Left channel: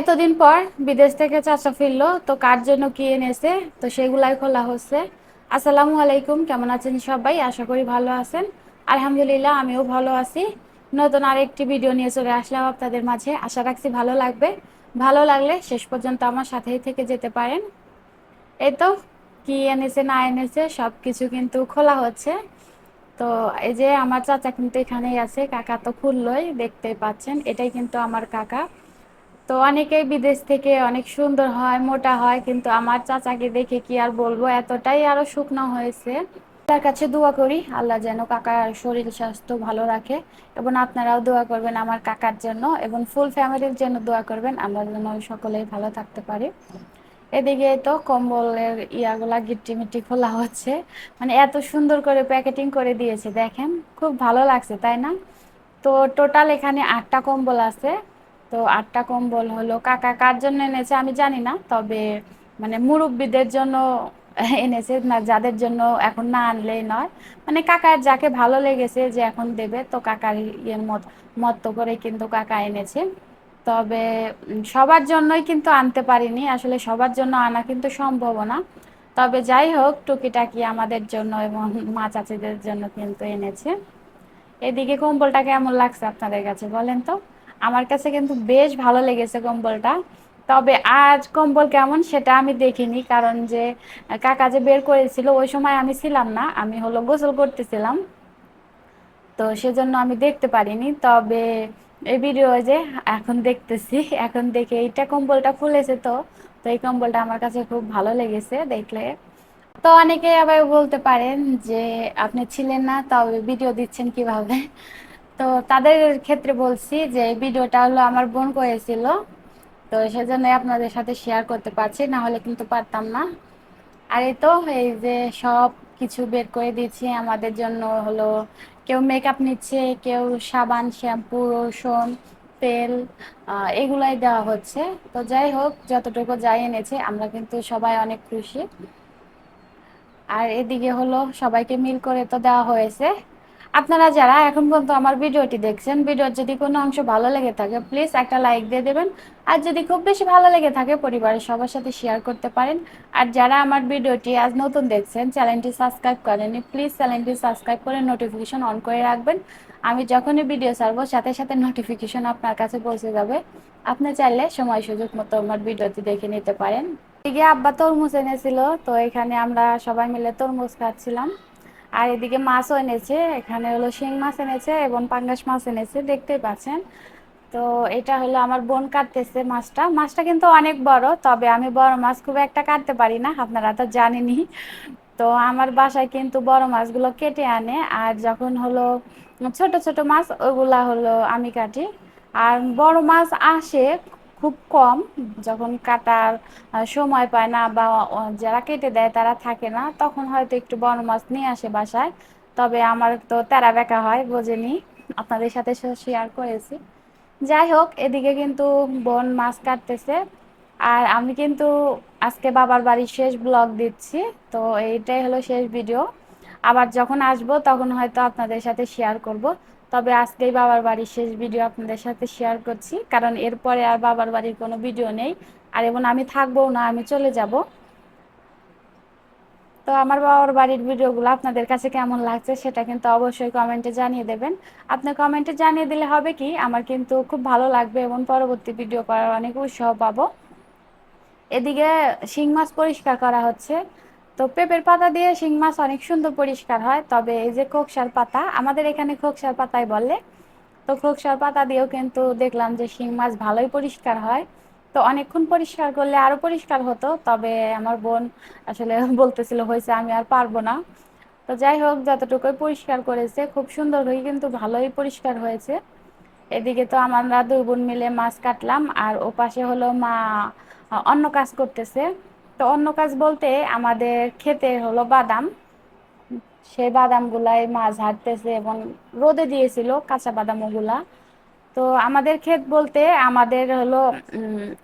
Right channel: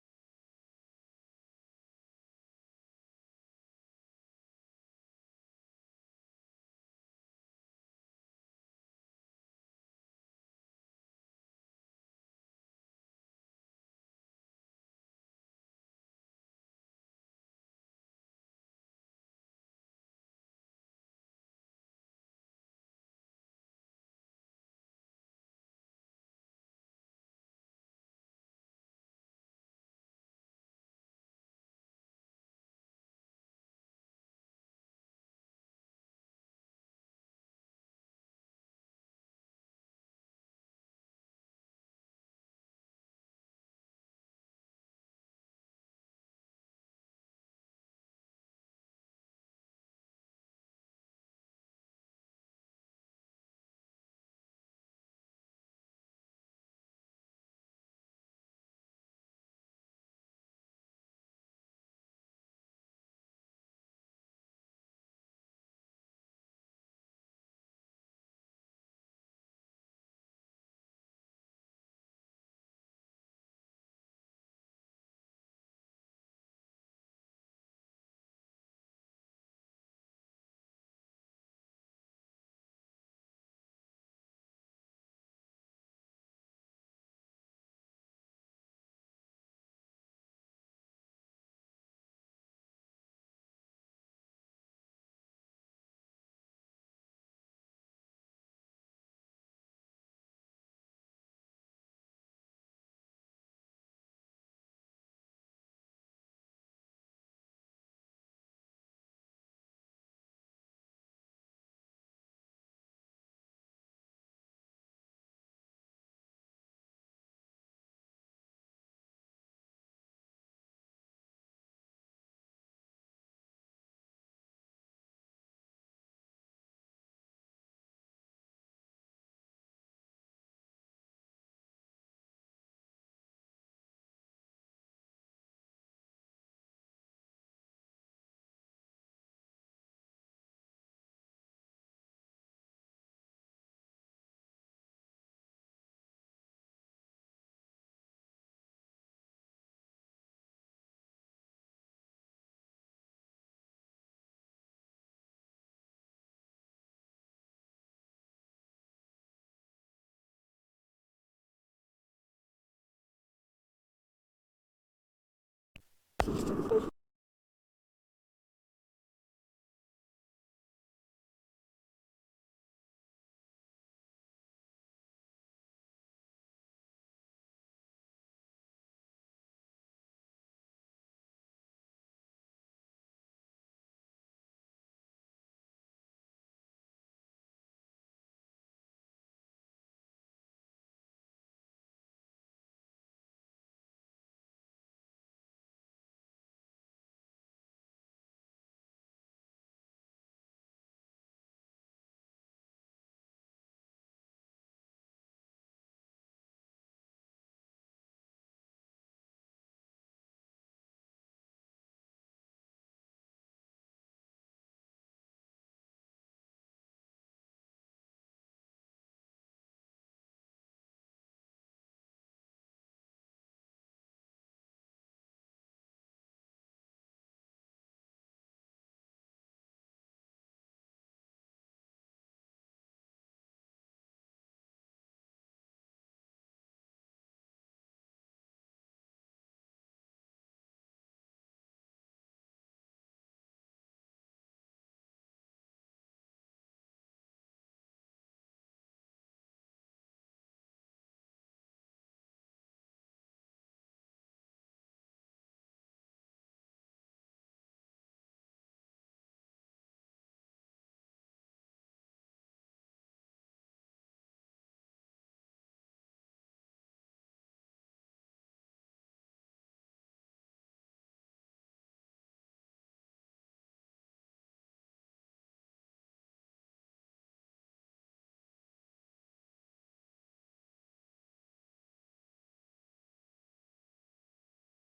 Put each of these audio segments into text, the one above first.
এতদিন পর বিদেশ থেকে চাচা ফিরলো, তো কার জন্য কি এনেছে? তো সেগুলাই খোলা হচ্ছে। আসসালামু আলাইকুম, কেমন আছেন সবাই? আশা করি ভালো আছেন। আলহামদুলিল্লাহ, আমিও ভালো আছি। নতুন আরেকটি ভিডিও নিয়ে চলে আসলাম আপনাদের মাঝে। আশা রাখছি ভালো লাগবে। ভালো লাগলে শেষ পর্যন্ত আমার সাথেই থেকে যেতে পারেন। এই তো, কি এনেছে, না এনেছে সব কিছু কিন্তু খোলা হচ্ছে। তো এই যে আমার চাচা কিন্তু এখানেই আছে, কাকা তো খুললই দেখতে পাচ্ছেন, এটাই কিন্তু আমার কাকা। তো অনেকেই বিদেশ থেকে অনেক সুন্দর হয়, মোটা হয়, কিন্তু আমার চাচাকে দেখে কি আর বলব, এতটাই আরও শুকনো হয়েছে। তার কাছে দোয়া করি, আল্লাহ যেন কাকার শরীর স্বাস্থ্য ভালো রাখে, এবং আপনারাও দোয়া করবেন আমার কাকার জন্য, এবং ফুল ফ্যামিলির জন্য দোয়া করবেন, আমরা যেন সকলেই ভালো থাকতে পারি। এদিকে তো কম্বলের ইয়াগুলা গিট্টি মিট্টি খোলা হচ্ছে মানে এত সুন্দর করে প্যাকেটিং করে দিয়েছে, দেখেন, খুব ভালো লাগছে, তাই না? তো টোটাল এখানে আটটা কম্বল আছে তো আটটা কম্বল হলো। কাকা কার জন্য এনেছে আমি জানি না, তবে মানে মুরব্বীদের জন্য এনেছে, না যাদের জন্য এখন না আনলেই নয়। মানে কাকার যাকে ভালো লেগেছে যে এখন দেবে, তো কাকার ইয়ের মত, মতো করে কিন্তু কাকা এনেছে। তবে সবার জন্যই কিন্তু আনতে পারিনি, আসলে সবার জন্য আনা কিন্তু সম্ভব না। তবে যাই হোক, টুকিটাকি আমাদের জন্য এবং মা চাচিদের জন্য কিন্তু এনেছে। এদিকে কম্বলটা কেমন লাগছে আপনাদের কাছে বলেন তো? আমার কাছে কিন্তু বেশ ভালো লেগেছে কম্বলটা। তবে আজ কম্বল কেমন সেটা আমি দেখিনি, কারণ যে কাকা যে বের করেছিল ওই সময় আমি ছিলাম না, আমি হলো গোসল করতেছিলাম। তো সেজন্য আমি দেখতে পারিনি। তবে এই ভিডিও যে, এখন দেখতেছি, এখন দেখে এইটা কম্বলটা খুলেছে তো তো এই কম্বলটা আমার কাছে খুব ভালো লেগেছে দেখলে। তো অনেকে আবার বলতে পারেন যে, আপনি ছিলেন না, তবে ভিডিও দিচ্ছেন কীভাবে? তো তাদের ক্ষেত্রে বলছি যে, এই ভিডিওটা হলো আমার বোন করেছিল। তো সেজন্য আপনাদের সাথে শেয়ার করতে পারছি, না হলে কিন্তু পারতাম না। আর এই তো, এই যে সব কিছু বের করে দিচ্ছি আমাদের জন্য হলো কেউ মেকআপ নিচ্ছে, কেউ সাবান শ্যাম্পু রসুন তেল এগুলাই দেওয়া হচ্ছে। তো যাই হোক, যতটুকু যাই এনেছে, আমরা কিন্তু সবাই অনেক খুশি। আর এদিকে হলো সবাইকে মিল করে তো দেওয়া হয়েছে। আপনারা যারা এখন পর্যন্ত আমার ভিডিওটি দেখছেন, ভিডিওর যদি কোনো অংশ ভালো লেগে থাকে প্লিজ একটা লাইক দিয়ে দেবেন। আর যদি খুব বেশি ভালো লেগে থাকে, পরিবারের সবার সাথে শেয়ার করতে পারেন। আর যারা আমার ভিডিওটি আজ নতুন দেখছেন চ্যানেলটি সাবস্ক্রাইব করেনি প্লিজ চ্যানেলটি সাবস্ক্রাইব করে নোটিফিকেশন অন করে রাখবেন। আমি যখনই ভিডিও ছাড়বো, সাথে সাথে নোটিফিকেশন আপনার কাছে পৌঁছে যাবে। আপনি চাইলে সময় সুযোগ মতো আমার ভিডিওটি দেখে নিতে পারেন। এদিকে আব্বা তরমুজ এনেছিল, তো এখানে আমরা সবাই মিলে তরমুজ খাচ্ছিলাম। আর এদিকে মাছও এনেছে, এখানে হলো শিং মাছ এনেছে এবং পাঙ্গাস মাছ এনেছে, দেখতেই পাচ্ছেন। তো এটা হলো আমার বোন কাটতেছে মাছটা। মাছটা কিন্তু অনেক বড়, তবে আমি বড় মাছ খুব একটা কাটতে পারি না, আপনারা তো জানেনই। তো আমার বাসায় কিন্তু বড় মাছগুলো কেটে আনে, আর যখন হলো ছোট ছোট মাছ, ওগুলা হলো আমি কাটি। আর বড় মাছ আসে খুব কম। যখন কাটার সময় পায় না বা যারা কেটে দেয় তারা থাকে না, তখন হয়তো একটু বড় মাছ নিয়ে আসে বাসায়। তবে আমার তো তেরা বেকা হয়, বোঝেনি। আপনাদের সাথে শেয়ার করেছি। যাই হোক, এদিকে কিন্তু বোন মাছ কাটতেছে। আর আমি কিন্তু আজকে বাবার বাড়ির শেষ ব্লগ দিচ্ছি। তো এইটাই হলো শেষ ভিডিও আবার যখন আসব তখন হয়তো আপনাদের সাথে শেয়ার করব। তবে আজকেই বাবার বাড়ির শেষ ভিডিও আপনাদের সাথে শেয়ার করছি, কারণ এরপরে আর বাবার বাড়ির কোনো ভিডিও নেই। আর এবং আমি থাকব না, আমি চলে যাব। তো আমার বাবার বাড়ির ভিডিওগুলো আপনাদের কাছে কেমন লাগছে সেটা কিন্তু অবশ্যই কমেন্টে জানিয়ে দেবেন। আপনি কমেন্টে জানিয়ে দিলে হবে কি, আমার কিন্তু খুব ভালো লাগবে এবং পরবর্তী ভিডিও করার অনেক উৎসাহ পাবো। এদিকে শিং মাছ পরিষ্কার করা হচ্ছে। তো পেঁপের পাতা দিয়ে শিং মাছ অনেক সুন্দর পরিষ্কার হয়, তবে এই যে খোকসার পাতা, আমাদের এখানে খোকসার পাতাই বলে। তো খোকসার পাতা দিয়েও কিন্তু দেখলাম যে শিং মাছ ভালোই পরিষ্কার হয়। তো অনেকক্ষণ পরিষ্কার করলে আরও পরিষ্কার হতো, তবে আমার বোন আসলে বলতেছিল, হয়েছে, আমি আর পারব না। তো যাই হোক, যতটুকুই পরিষ্কার করেছে, খুব সুন্দর হয়ে কিন্তু ভালোই পরিষ্কার হয়েছে। এদিকে তো আমরা দুই বোন মিলে মাছ কাটলাম, আর ও পাশে হলো মা অন্য কাজ করতেছে। তো অন্য কাজ বলতে আমাদের খেতে হলো বাদাম। সেই বাদামগুলাই মাছ হাঁটতেছে এবং রোদে দিয়েছিল কাঁচা বাদাম ওগুলা তো আমাদের ক্ষেত বলতে আমাদের হলো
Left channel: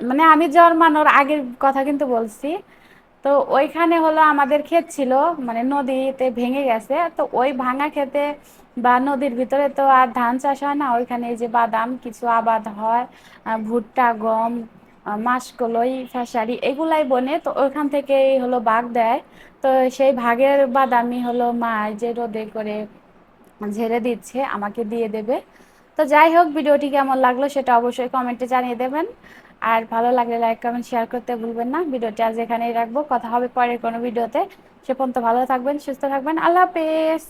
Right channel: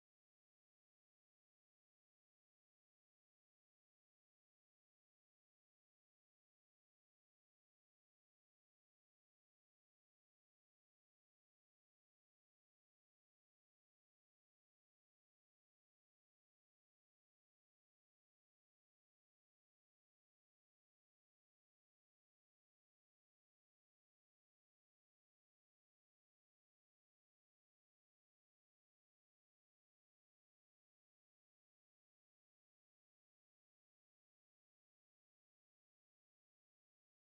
মানে আমি জন্মানোর আগের কথা কিন্তু বলছি। তো ওইখানে হলো আমাদের ক্ষেত ছিল মানে নদীতে ভেঙে গেছে। তো ওই ভাঙা ক্ষেতে বা নদীর ভিতরে তো আর ধান চাষ হয় না, ওইখানে যে বাদাম, কিছু আবাদ হয় ভুট্টা, গম মাসকলাই খেসারি এগুলাই বনে, তো ওইখান থেকেই হলো ভাগ দেয়। তো সেই ভাগের বাদামি হলো মা যে রোদে করে ঝেড়ে দিচ্ছে, আমাকে দিয়ে দেবে। তো যাই হোক, ভিডিওটি কেমন লাগল সেটা অবশ্যই কমেন্টে জানিয়ে দেবেন। আর ভালো লাগলে লাইক, কমেন্ট, শেয়ার করতে ভুলবেন না। ভিডিওটি আজ এখানেই রাখব। কথা হবে পরের কোনো ভিডিওতে। সে পর্যন্ত ভালো থাকবেন, সুস্থ থাকবেন। আল্লাহ হাফেজ।